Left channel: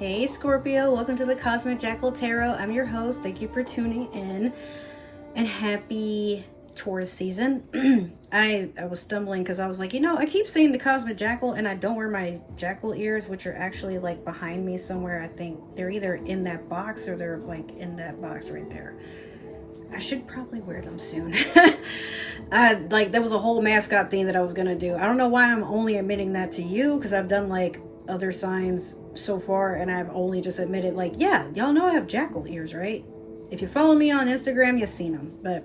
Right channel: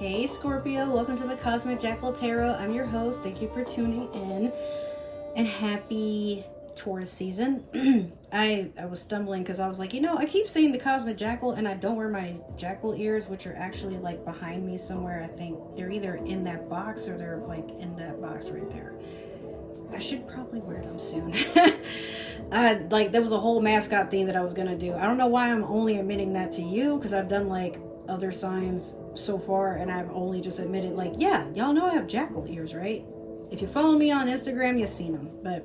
Hey Scorpio, welcome to the Cosmic Jackal Tarot. I'm your host. Thank you for tuning in and happy Taurus season. I was stumbling because I was like, I keep saying the Cosmic Jackal and I don't wear my jackal ears, which are actually like behind me somewhere. I think they're either in that box or they're like in that box right there. I should probably wear them soon. There was a whole mascot thing that I was going to do. I don't know why I'm only admitting that to you, because I've done like other signs so far and I've only just admitted like, yeah, y'all know I have jackal ears, right? If you follow me on Instagram, you've seen them. But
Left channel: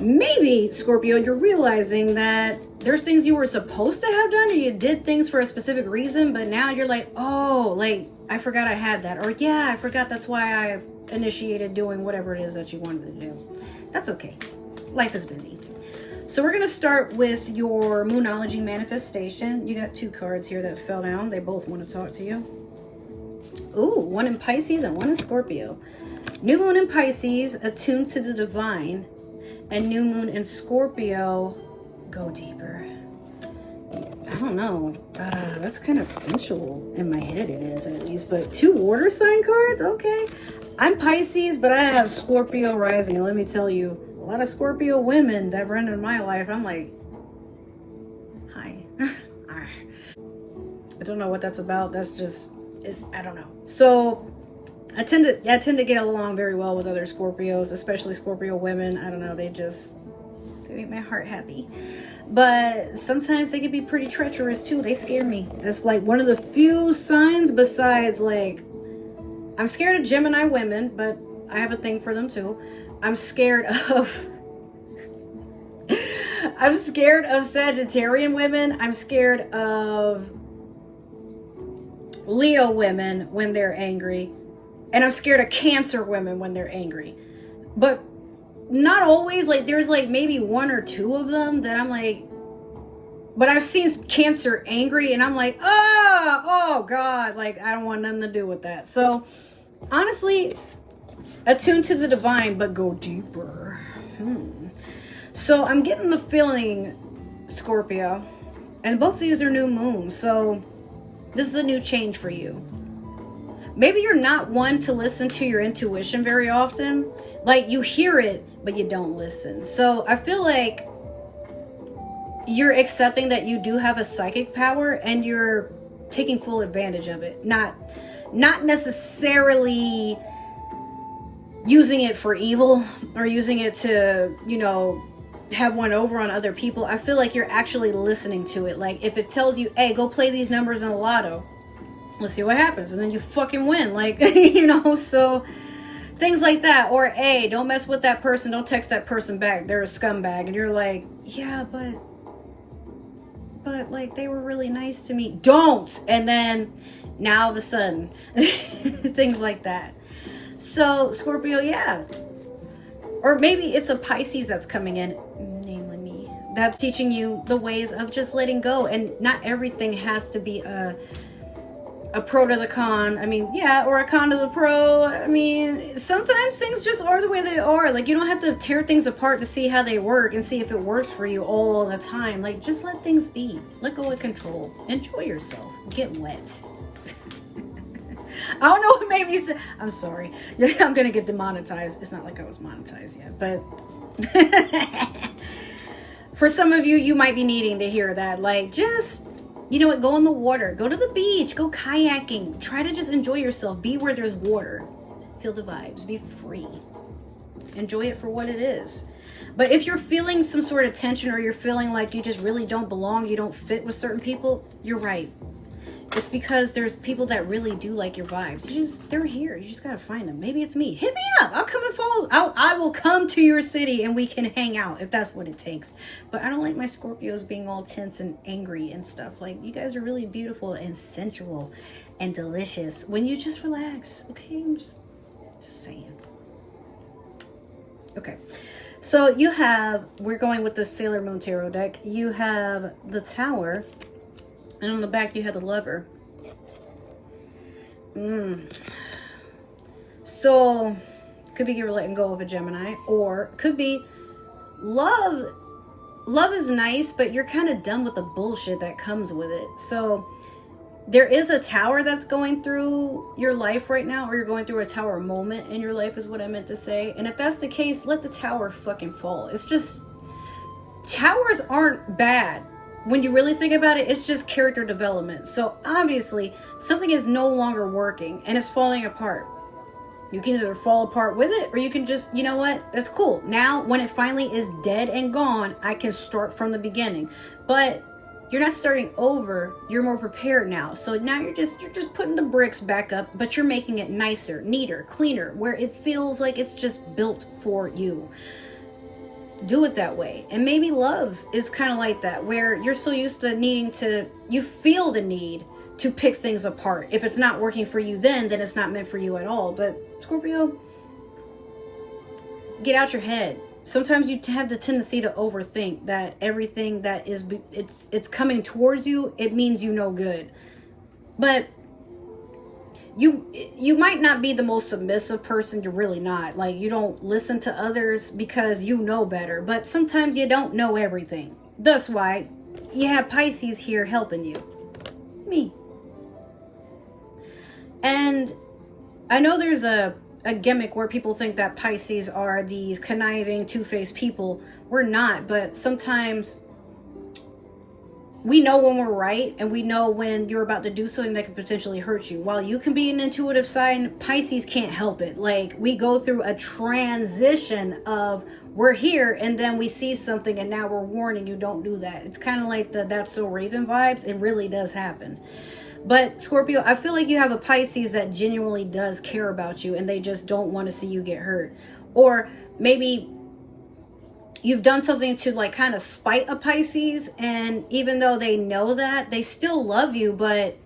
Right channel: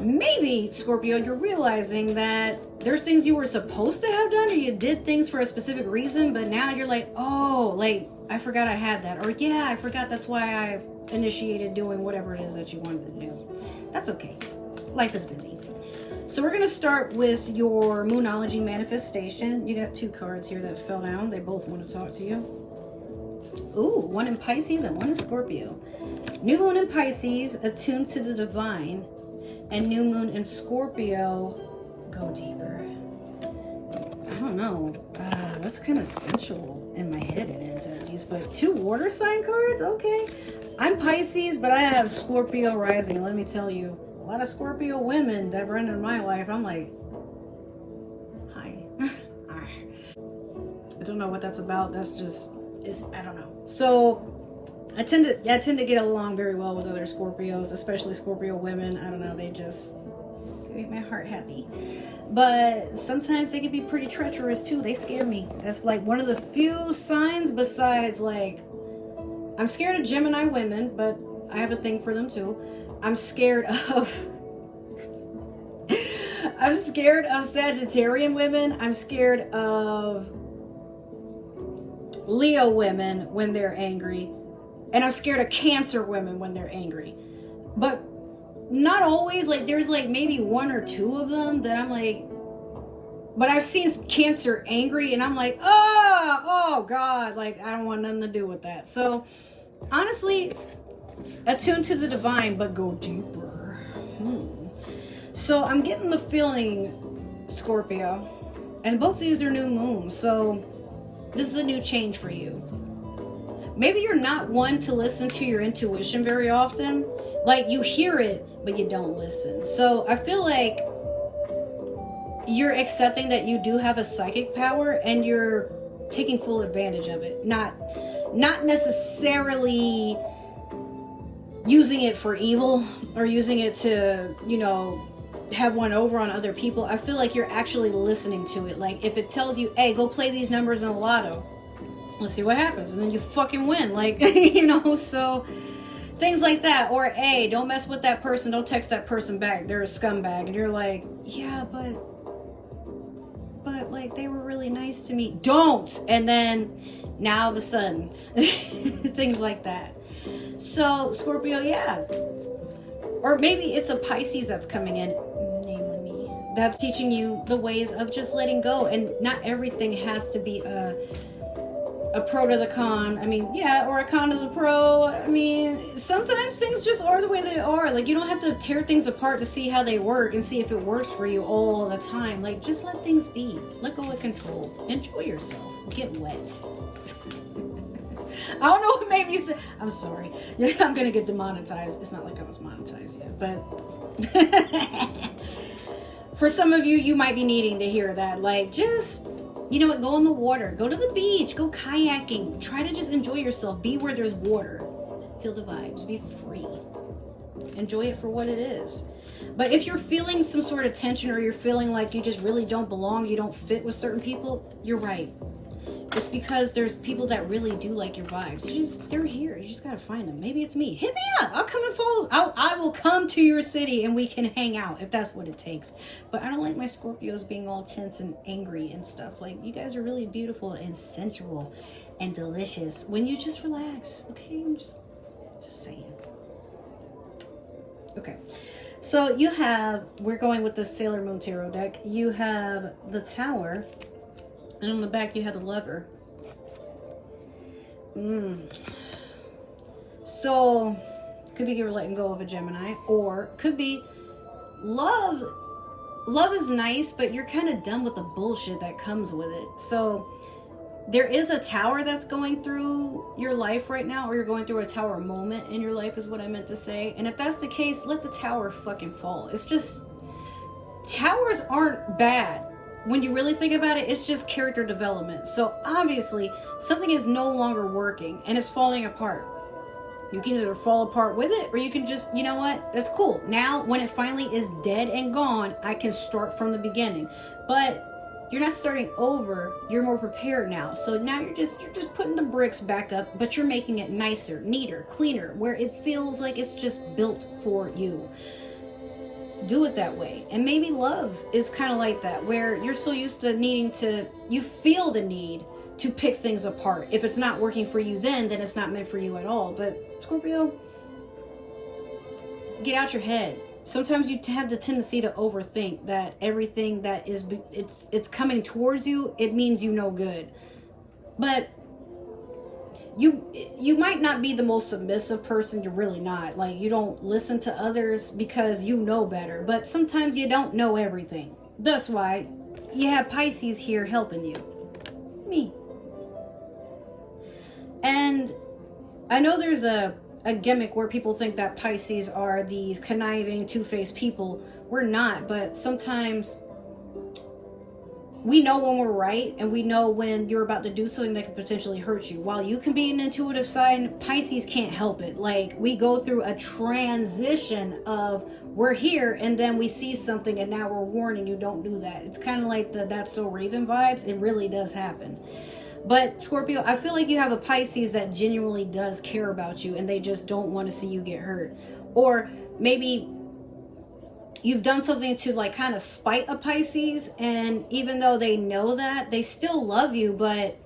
maybe, Scorpio, you're realizing that there's things you were supposed to have done, or you did things for a specific reason, but now you're like, oh, like, I forgot I had that. Or yeah, I forgot that's why I initiated doing whatever it is that you wanted to do. That's okay. Life is busy. So we're going to start with your Moonology manifestation. You got two cards here that fell down. They both want to talk to you. Ooh, one in Pisces and one in Scorpio. New moon in Pisces, attuned to the divine. And new moon in Scorpio, go deeper. I don't know. That's kind of sensual in my head, it is at least. But two water sign cards? Okay. I'm Pisces, but I have Scorpio rising. And let me tell you, a lot of Scorpio women that run in my life, I'm like, hi. I don't know what that's about. That's just, I don't know. So I tend to get along very well with other Scorpios, especially Scorpio women. I don't know. They make my heart happy. But sometimes they can be pretty treacherous too. They scare me. That's like one of the few signs besides like, I'm scared of Gemini women, but I have a thing for them too. I'm scared of Sagittarian women. I'm scared of Leo women when they're angry. And I'm scared of Cancer women when they're angry. But not always. Like, there's like maybe one or two of them that I'm like, but I've seen Cancer angry and I'm like, oh God, like I don't want nothing to do with that. So honestly, attune to the divine, but go deeper. So I'm getting the feeling, Scorpio, and both of these are new moons. So this is a new change for you. Maybe you're not one to listen to your intuition very often. Like, you hear it, but you don't listen. So I feel like you're accepting that you do have a psychic power and you're taking full advantage of it. Not necessarily using it for evil or using it to, have one over on other people. I feel like you're actually listening to it. Like, if it tells you, hey, go play these numbers in the lotto, let's see what happens, and then you fucking win. Like, so things like that. Or, hey, don't mess with that person, don't text that person back, they're a scumbag. And you're like, yeah, but like, they were really nice to me. Don't. And then now all of a sudden things like that. So Scorpio, yeah. Or maybe it's a Pisces that's coming in, namely me, that's teaching you the ways of just letting go. And not everything has to be a pro to the con. I mean, yeah, or a con to the pro. I mean, sometimes things just are the way they are. Like, you don't have to tear things apart to see how they work and see if it works for you all the time. Like, just let things be. Let go of control. Enjoy yourself. Get wet. I don't know what made me say. I'm sorry. I'm gonna get demonetized. It's not like I was monetized yet, but for some of you, you might be needing to hear that. Like, just, go in the water, go to the beach, go kayaking, try to just enjoy yourself, be where there's water, feel the vibes, be free, enjoy it for what it is. But if you're feeling some sort of tension, or you're feeling like you just really don't belong, you don't fit with certain people, you're right. It's because there's people that really do like your vibes. They're here. You just gotta find them. Maybe it's me. Hit me up. I'll come and follow. I will come to your city and we can hang out if that's what it takes. But I don't like my Scorpios being all tense and angry and stuff. Like, you guys are really beautiful and sensual and delicious when you just relax. Okay, I'm just saying. Okay, so we're going with the Sailor Moon Tarot deck. You have the Tower. And on the back, you have the Lover. So, could be you're letting go of a Gemini. Or, could be love. Love is nice, but you're kind of done with the bullshit that comes with it. So, there is a tower that's going through your life right now, or you're going through a tower moment in your life is what I meant to say. And if that's the case, let the tower fucking fall. It's just, towers aren't bad. When you really think about it, it's just character development. So obviously something is no longer working and it's falling apart. You can either fall apart with it, or you can just, you know what, that's cool. Now when it finally is dead and gone, I can start from the beginning. But you're not starting over, you're more prepared now. So now you're just putting the bricks back up, but you're making it nicer, neater, cleaner, where it feels like it's just built for you. Do it that way. And maybe love is kind of like that, where you're so used to needing to, you feel the need to pick things apart. If it's not working for you then it's not meant for you at all. But Scorpio, get out your head. Sometimes you have the tendency to overthink that everything that is, it's coming towards you, it means you no good. But you might not be the most submissive person. You're really not. Like, you don't listen to others because you know better. But sometimes you don't know everything. That's why you have Pisces here helping you. Me. And I know there's a gimmick where people think that Pisces are these conniving, two-faced people. We're not, but sometimes we know when we're right, and we know when you're about to do something that could potentially hurt you. While you can be an intuitive sign, Pisces can't help it. Like, we go through a transition of, we're here, and then we see something, and now we're warning you, don't do that. It's kind of like the That's So Raven vibes. It really does happen. But Scorpio, I feel like you have a Pisces that genuinely does care about you, and they just don't want to see you get hurt. Or maybe you've done something to like kind of spite a Pisces, and even though they know that, they still love you, but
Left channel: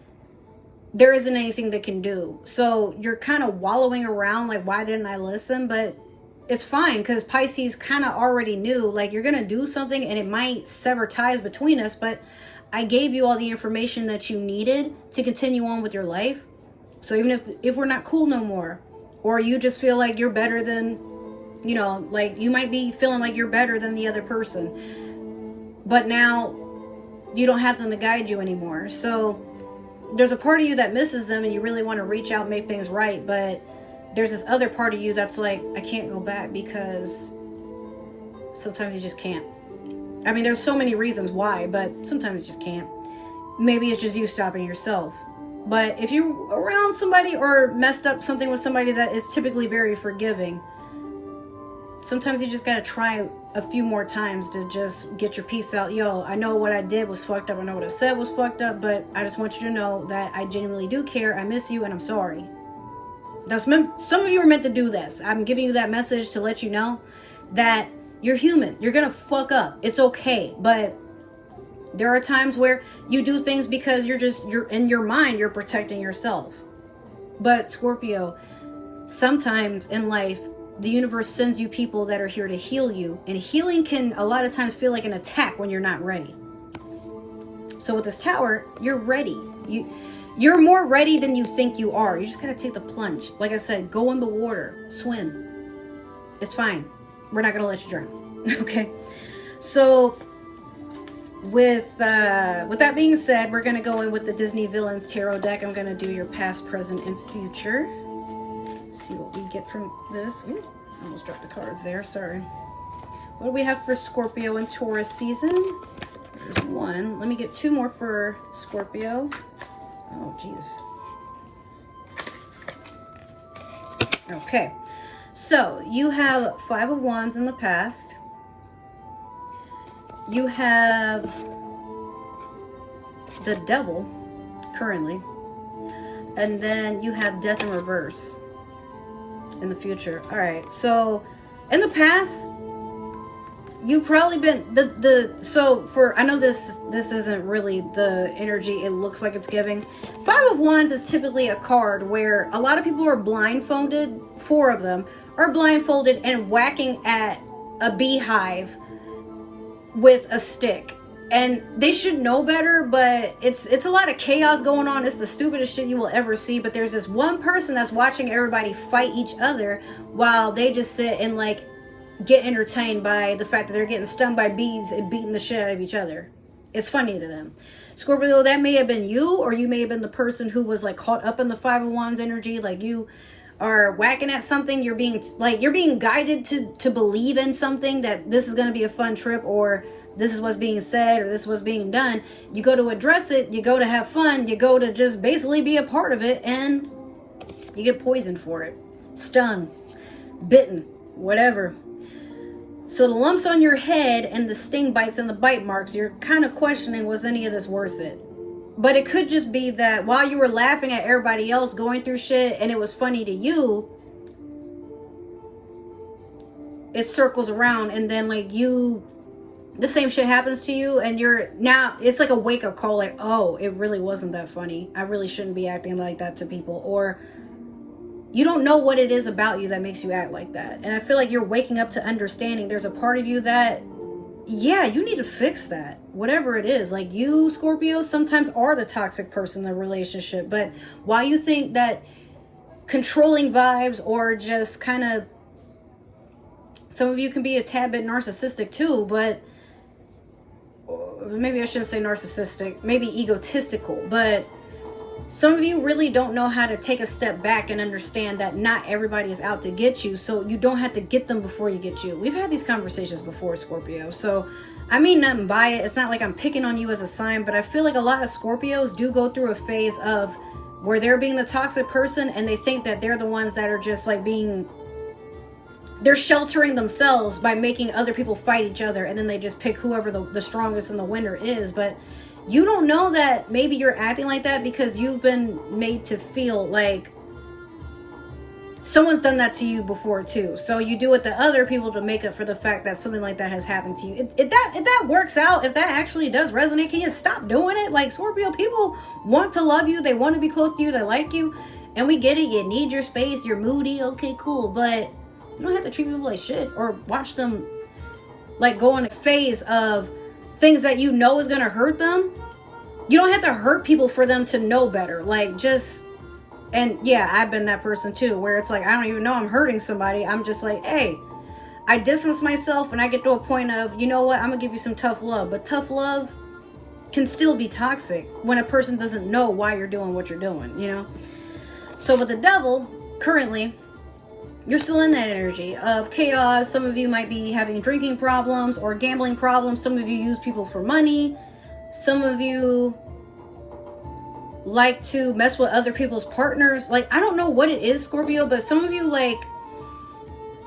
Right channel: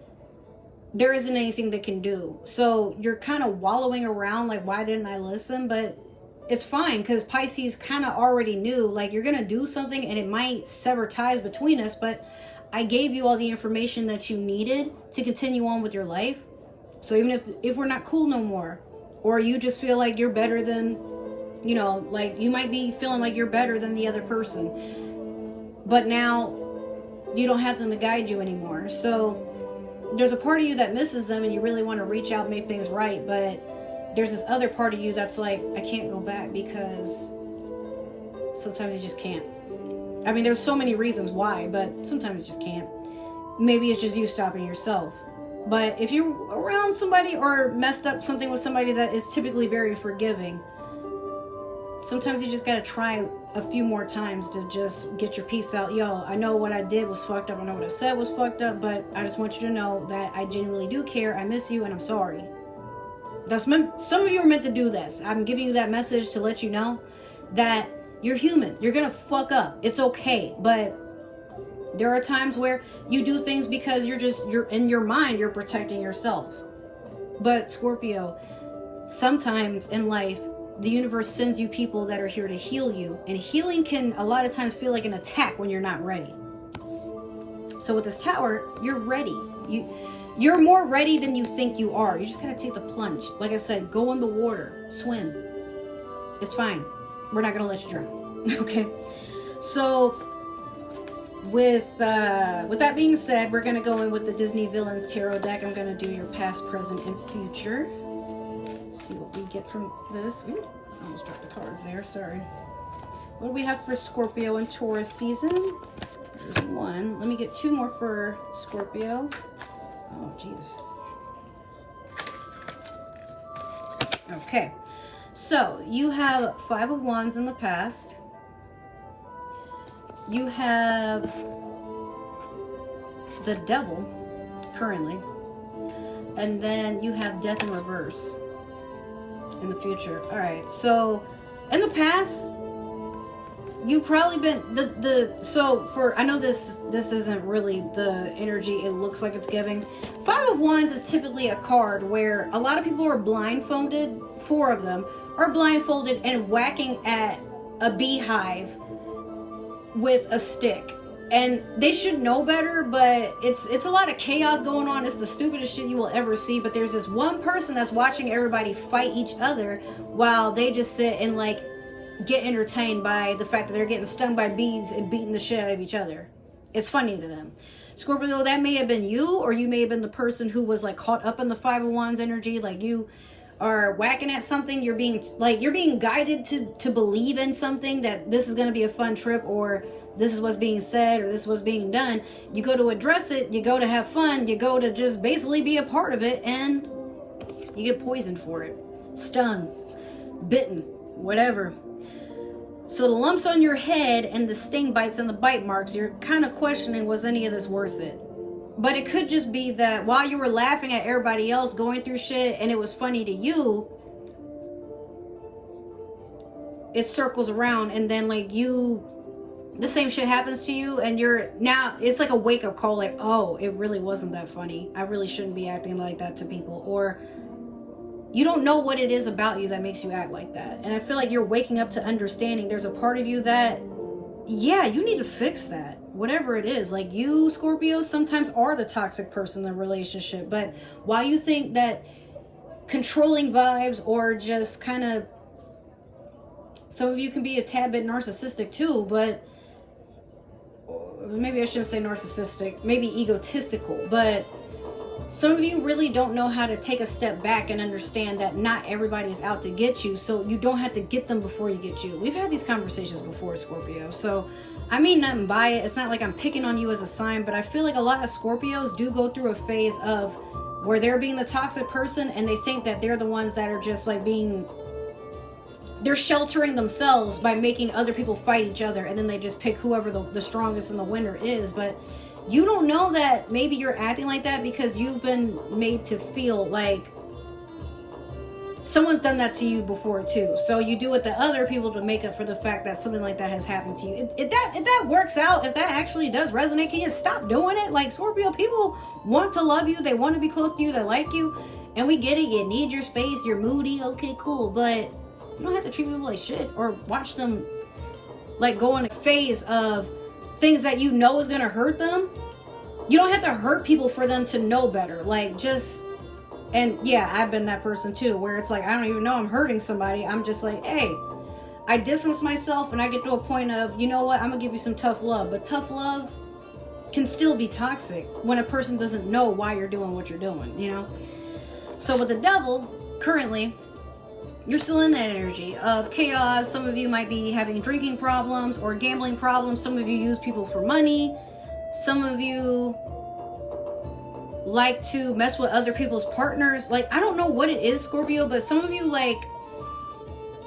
there isn't anything they can do. So you're kind of wallowing around like, why didn't I listen? But it's fine, because Pisces kind of already knew, like, you're going to do something and it might sever ties between us, but I gave you all the information that you needed to continue on with your life. So even if we're not cool no more, or you just feel like you're better than, you know, like you might be feeling like you're better than the other person, but now you don't have them to guide you anymore. So there's a part of you that misses them and you really want to reach out and make things right, but there's this other part of you that's like, I can't go back, because sometimes you just can't. I mean, there's so many reasons why, but sometimes you just can't. Maybe it's just you stopping yourself. But if you're around somebody or messed up something with somebody that is typically very forgiving, sometimes you just gotta try a few more times to just get your piece out. Yo, I know what I did was fucked up. I know what I said was fucked up, but I just want you to know that I genuinely do care. I miss you and I'm sorry. Some of you are meant to do this. I'm giving you that message to let you know that you're human. You're gonna fuck up. It's okay. But there are times where you do things because you're in your mind, you're protecting yourself. But Scorpio, sometimes in life, the universe sends you people that are here to heal you. And healing can a lot of times feel like an attack when you're not ready. So with this tower, you're ready. You're more ready than you think you are. You just gotta take the plunge. Like I said, go in the water, swim. It's fine. We're not gonna let you drown. Okay. So with that being said, we're gonna go in with the Disney Villains Tarot deck. I'm gonna do your past, present, and future. See what we get from this. Ooh, I almost dropped the cards there. Sorry. What do we have for Scorpio and Taurus season? There's one. Let me get two more for Scorpio. Oh, geez. Okay. So, you have Five of Wands in the past. You have the Devil currently. And then you have Death in reverse in the future. All right. So, in the past, you've probably been I know this isn't really the energy it looks like it's giving. Five of Wands is typically a card where a lot of people are blindfolded. Four of them are blindfolded and whacking at a beehive with a stick, and they should know better, but it's a lot of chaos going on. It's the stupidest shit you will ever see. But there's this one person that's watching everybody fight each other while they just sit and like get entertained by the fact that they're getting stung by bees and beating the shit out of each other. It's funny to them. Scorpio, that may have been you, or you may have been the person who was like caught up in the Five of Wands energy. Like you are whacking at something. You're being guided to believe in something, that this is going to be a fun trip, or this is what's being said, or this is what's being done. You go to address it. You go to have fun. You go to just basically be a part of it, and you get poisoned for it, stung, bitten, whatever. So the lumps on your head and the sting bites and the bite marks, you're kind of questioning, was any of this worth it? But it could just be that while you were laughing at everybody else going through shit and it was funny to you, it circles around, and then like the same shit happens to you, and now it's like a wake-up call, like, oh, it really wasn't that funny. I really shouldn't be acting like that to people. Or you don't know what it is about you that makes you act like that. And I feel like you're waking up to understanding there's a part of you that, yeah, you need to fix that. Whatever it is. Like you, Scorpio, sometimes are the toxic person in the relationship. But while you think that controlling vibes, or just kind of, some of you can be a tad bit narcissistic too, but maybe I shouldn't say narcissistic, maybe egotistical, but some of you really don't know how to take a step back and understand that not everybody is out to get you, so you don't have to get them before you get you. We've had these conversations before, Scorpio, so I mean nothing by it. It's not like I'm picking on you as a sign, but I feel like a lot of Scorpios do go through a phase of where they're being the toxic person, and they think that they're the ones that are just like they're sheltering themselves by making other people fight each other, and then they just pick whoever the strongest and the winner is. But you don't know that maybe you're acting like that because you've been made to feel like someone's done that to you before too. So you do it to other people to make up for the fact that something like that has happened to you. If that works out, if that actually does resonate, can you stop doing it? Like, Scorpio, people want to love you. They want to be close to you. They like you. And we get it. You need your space. You're moody. Okay, cool. But you don't have to treat people like shit or watch them like go in a phase of things that you know is going to hurt them. You don't have to hurt people for them to know better. Like, just, and yeah, I've been that person too, where it's like, I don't even know I'm hurting somebody. I'm just like, hey, I distance myself, and I get to a point of, you know what, I'm gonna give you some tough love. But tough love can still be toxic when a person doesn't know why you're doing what you're doing, you know? So with the devil, currently, you're still in that energy of chaos. Some of you might be having drinking problems or gambling problems. Some of you use people for money. Some of you like to mess with other people's partners. Like, I don't know what it is, Scorpio, but some of you, like,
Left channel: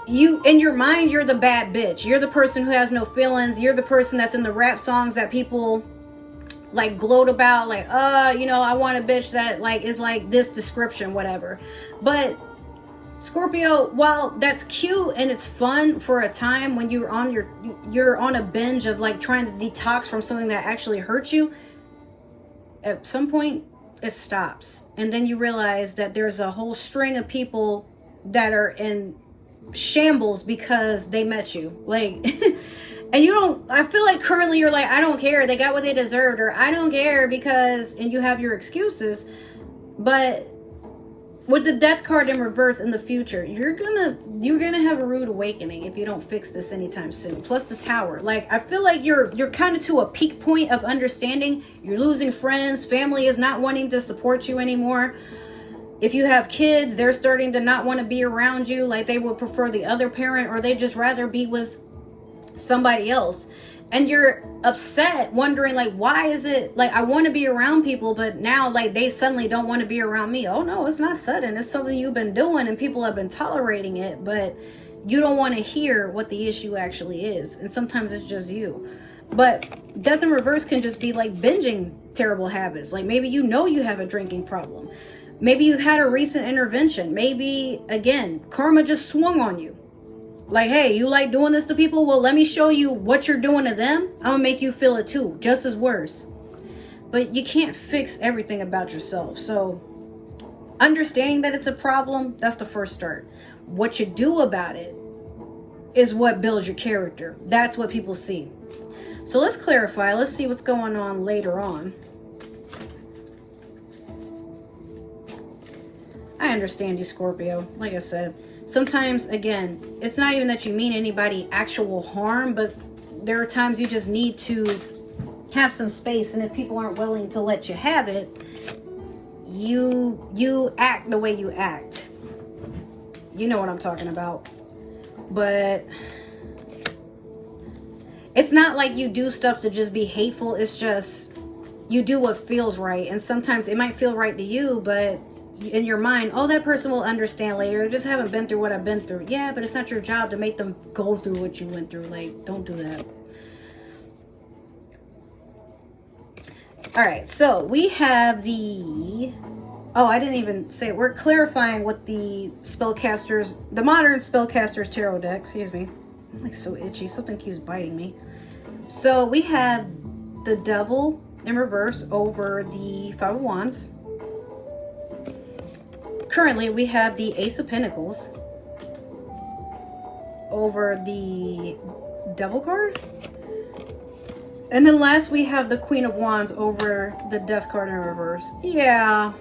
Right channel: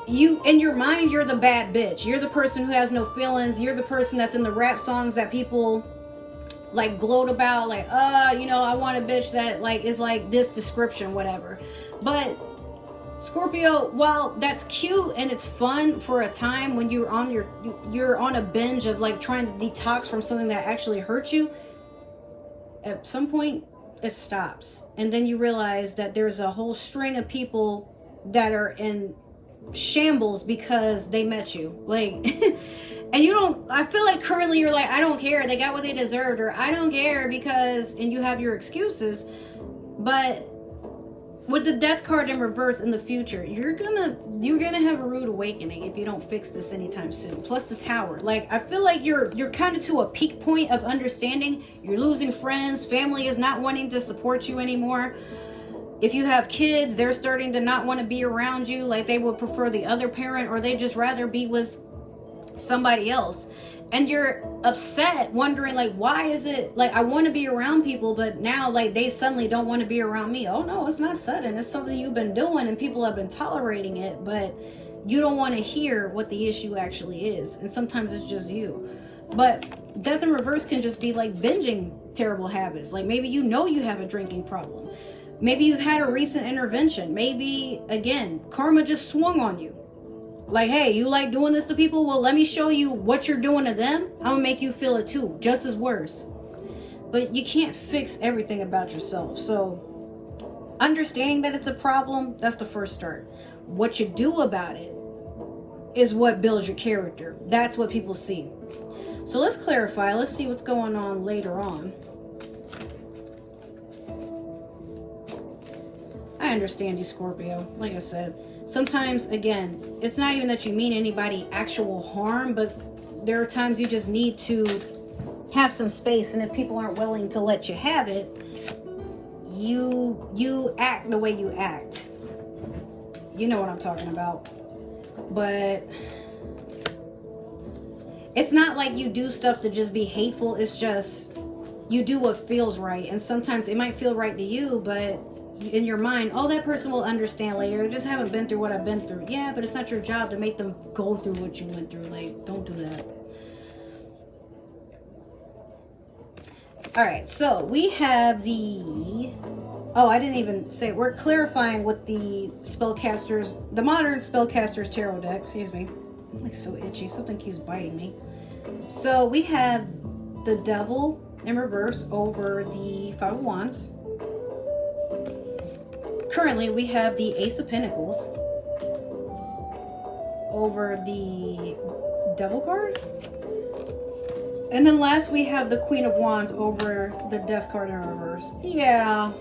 you, in your mind, you're the bad bitch. You're the person who has no feelings. You're the person that's in the rap songs that people like gloat about, like, you know, I want a bitch that like is like this description, whatever. But Scorpio, while that's cute and it's fun for a time when you're on a binge of like trying to detox from something that actually hurts you, at some point it stops. And then you realize that there's a whole string of people that are in shambles because they met you. Like, and you don't, I feel like currently you're like, I don't care, they got what they deserved, or I don't care because, and you have your excuses. But with the death card in reverse in the future, you're gonna have a rude awakening if you don't fix this anytime soon. Plus the Tower. Like, I feel like you're kind of to a peak point of understanding. You're losing friends. Family is not wanting to support you anymore. If you have kids, they're starting to not want to be around you. Like, they would prefer the other parent, or they just rather be with somebody else. And you're upset, wondering, like, why is it, like, I want to be around people, but now, like, they suddenly don't want to be around me. Oh, no, it's not sudden. It's something you've been doing, and people have been tolerating it, but you don't want to hear what the issue actually is. And sometimes it's just you. But death in reverse can just be, like, binging terrible habits. Like, maybe you know you have a drinking problem. Maybe you had a recent intervention. Maybe, again, karma just swung on you. Like, hey, you like doing this to people? Well, let me show you what you're doing to them. I'm gonna make you feel it too, just as worse. But you can't fix everything about yourself. So understanding that it's a problem, that's the first start. What you do about it is what builds your character. That's what people see. So let's clarify. Let's see what's going on later on. I understand you, Scorpio. Like I said, sometimes, again, it's not even that you mean anybody actual harm, but there are times you just need to have some space, and if people aren't willing to let you have it, you act the way you act. You know what I'm talking about. But it's not like you do stuff to just be hateful. It's just you do what feels right. And sometimes it might feel right to you, but in your mind, oh, that person will understand later. I just haven't been through what I've been through. Yeah, but it's not your job to make them go through what you went through. Like, don't do that. All right, so we have the... Oh, I didn't even say it. We're clarifying what the spellcasters, the modern spellcasters tarot deck, excuse me. I'm like so itchy. Something keeps biting me. So we have the Devil in reverse over the Five of Wands. Currently, we have the Ace of Pentacles over the Devil card. And then last, we have the Queen of Wands over the Death card in reverse. Yeah.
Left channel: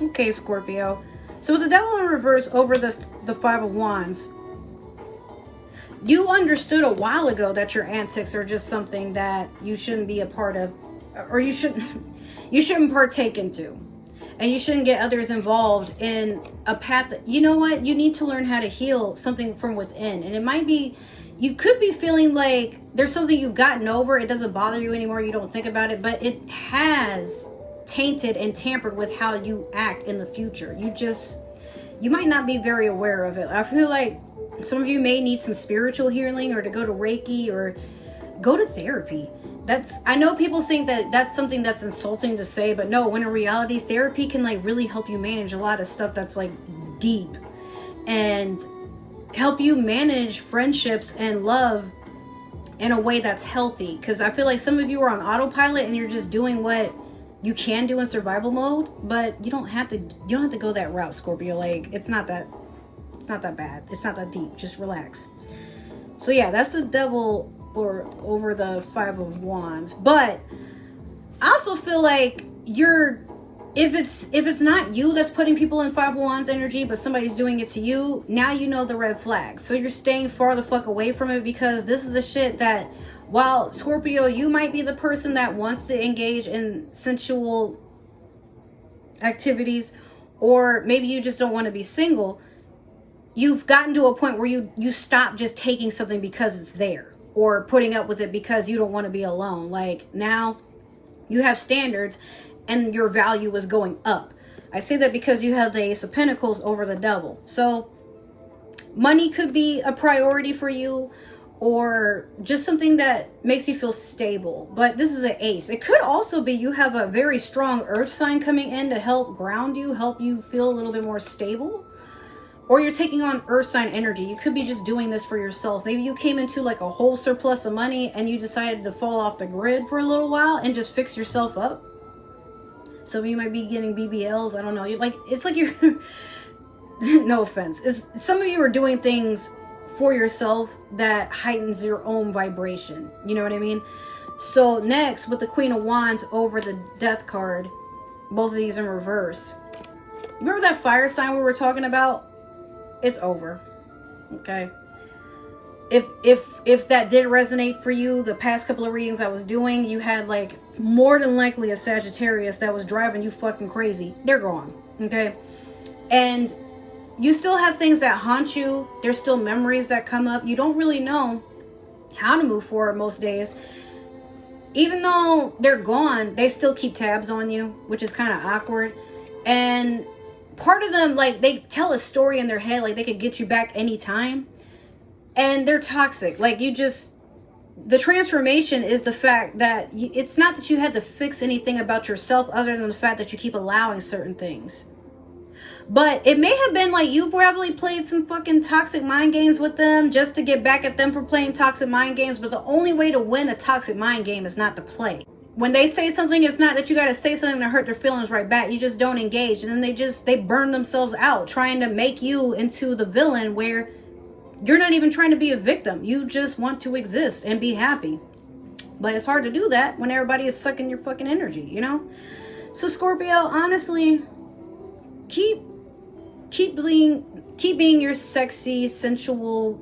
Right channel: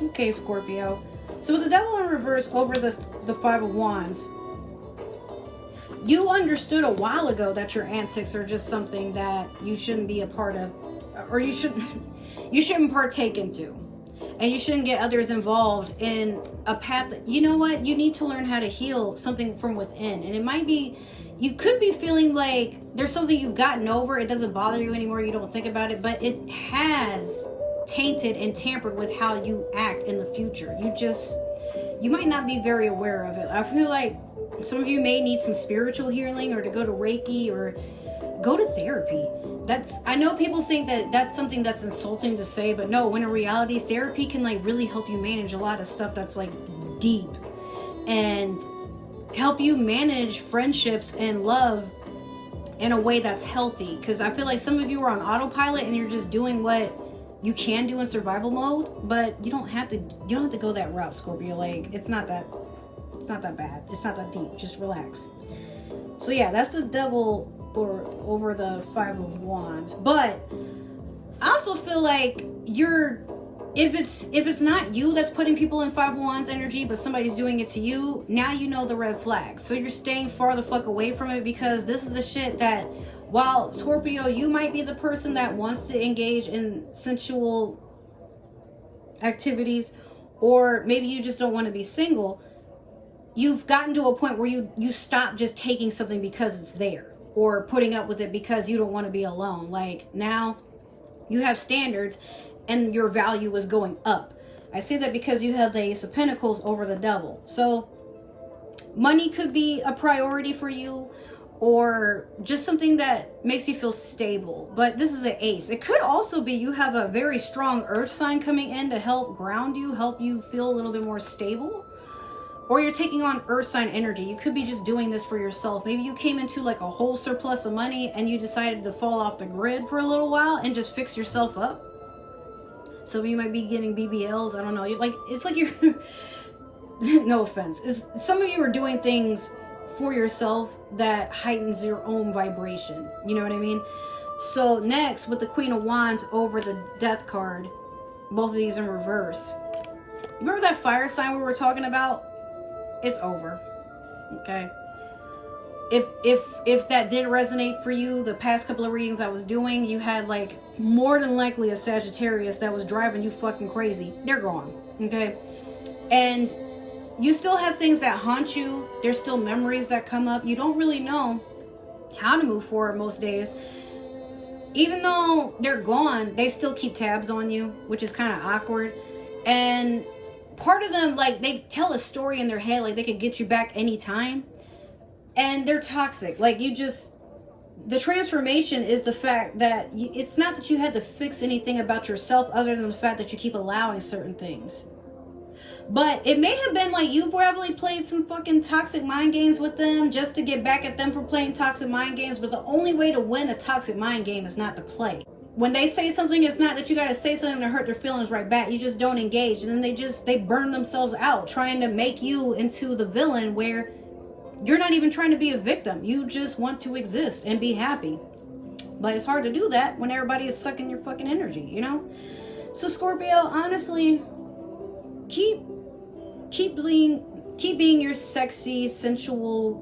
Okay, Scorpio. So with the Devil in reverse over the Five of Wands, you understood a while ago that your antics are just something that you shouldn't be a part of, or you shouldn't partake into. And you shouldn't get others involved in a path that, you know what, you need to learn how to heal something from within. And it might be, you could be feeling like there's something you've gotten over, it doesn't bother you anymore, you don't think about it, but it has tainted and tampered with how you act in the future. You might not be very aware of it. I feel like some of you may need some spiritual healing, or to go to Reiki, or go to therapy. I know people think that that's something that's insulting to say, but no, when in reality, therapy can like really help you manage a lot of stuff that's like deep, and help you manage friendships and love in a way that's healthy. Because I feel like some of you are on autopilot and you're just doing what you can do in survival mode, but you don't have to go that route, Scorpio. Like, it's not that bad. It's not that deep. Just relax. So yeah, that's the Devil or over the Five of Wands. But I also feel like if it's not you that's putting people in Five of Wands energy, but somebody's doing it to you, now you know the red flags. So you're staying far the fuck away from it, because this is the shit that, while Scorpio, you might be the person that wants to engage in sensual activities, or maybe you just don't want to be single, you've gotten to a point where you stop just taking something because it's there, or putting up with it because you don't want to be alone. Like, now you have standards and your value is going up. I say that because you have the Ace of Pentacles over the Devil. So money could be a priority for you, or just something that makes you feel stable. But this is an ace. It could also be you have a very strong earth sign coming in to help ground you, help you feel a little bit more stable. Or you're taking on earth sign energy. You could be just doing this for yourself. Maybe you came into like a whole surplus of money and you decided to fall off the grid for a little while and just fix yourself up. Some of you might be getting BBLs. I don't know. It's like you're no offense. Some of you are doing things for yourself that heightens your own vibration. You know what I mean? So next, with the Queen of Wands over the Death card, both of these in reverse. Remember that fire sign we were talking about? It's over. Okay. If that did resonate for you, the past couple of readings I was doing, you had like more than likely a Sagittarius that was driving you fucking crazy. They're gone. Okay. And you still have things that haunt you. There's still memories that come up. You don't really know how to move forward most days. Even though they're gone, they still keep tabs on you, which is kind of awkward. And part of them, like, they tell a story in their head, like they could get you back anytime. And they're toxic. Like, the transformation is the fact that it's not that you had to fix anything about yourself other than the fact that you keep allowing certain things. But it may have been like you probably played some fucking toxic mind games with them just to get back at them for playing toxic mind games. But the only way to win a toxic mind game is not to play. When they say something, it's not that you got to say something to hurt their feelings right back. You just don't engage. And then they burn themselves out trying to make you into the villain, where you're not even trying to be a victim. You just want to exist and be happy. But it's hard to do that when everybody is sucking your fucking energy, you know? So Scorpio, honestly, keep being your sexy, sensual,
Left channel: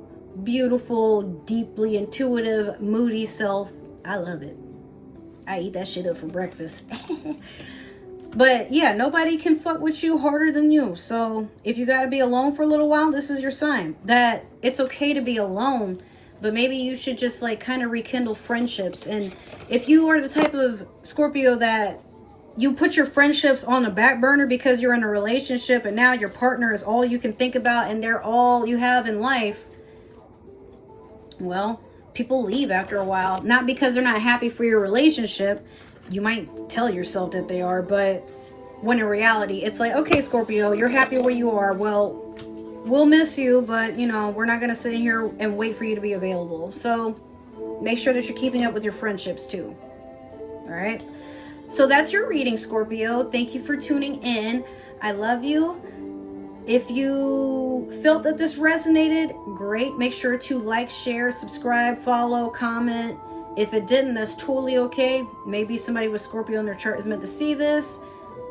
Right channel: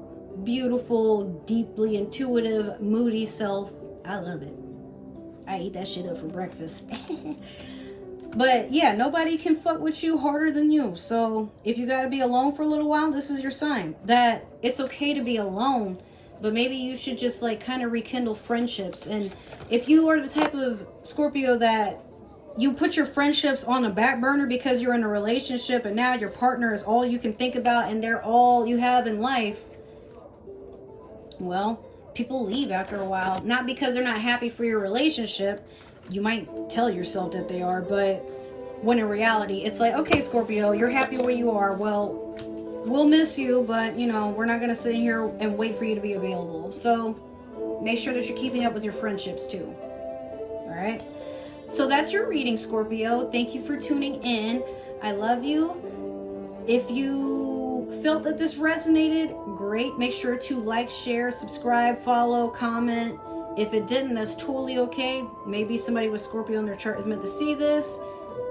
beautiful, deeply intuitive, moody self. I love it. I eat that shit up for breakfast. But yeah, nobody can fuck with you harder than you. So if you got to be alone for a little while, this is your sign that it's okay to be alone, but maybe you should just like kind of rekindle friendships. And if you are the type of Scorpio that you put your friendships on the back burner because you're in a relationship and now your partner is all you can think about and they're all you have in life, well, people leave after a while. Not because they're not happy for your relationship. You might tell yourself that they are, but when in reality, it's like, okay, Scorpio, you're happy where you are. Well, we'll miss you, but you know, we're not going to sit here and wait for you to be available. So make sure that you're keeping up with your friendships too. All right. So that's your reading, Scorpio. Thank you for tuning in. I love you. If you felt that this resonated, great. Make sure to like, share, subscribe, follow, comment. If it didn't, that's totally okay. Maybe somebody with Scorpio in their chart is meant to see this.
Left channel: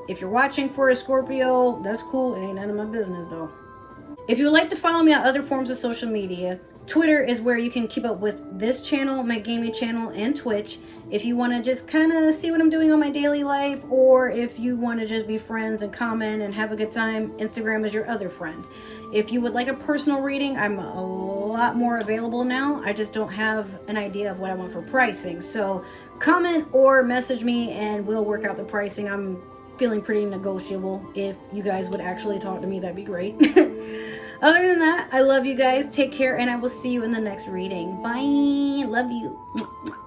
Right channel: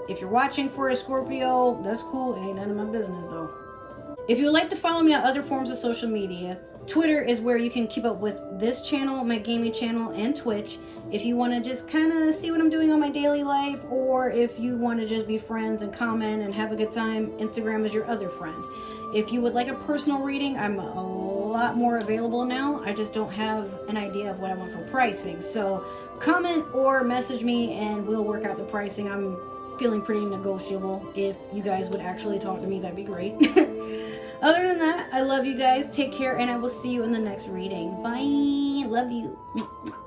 If you're watching for a Scorpio, that's cool. It ain't none of my business, though. If you would like to follow me on other forms of social media, Twitter is where you can keep up with this channel, my gaming channel, and Twitch. If you want to just kind of see what I'm doing on my daily life, or if you want to just be friends and comment and have a good time, Instagram is your other friend. If you would like a personal reading, I'm a lot more available now. I just don't have an idea of what I want for pricing. So comment or message me and we'll work out the pricing. I'm feeling pretty negotiable. If you guys would actually talk to me, that'd be great. Other than that, I love you guys. Take care and I will see you in the next reading. Bye. Love you.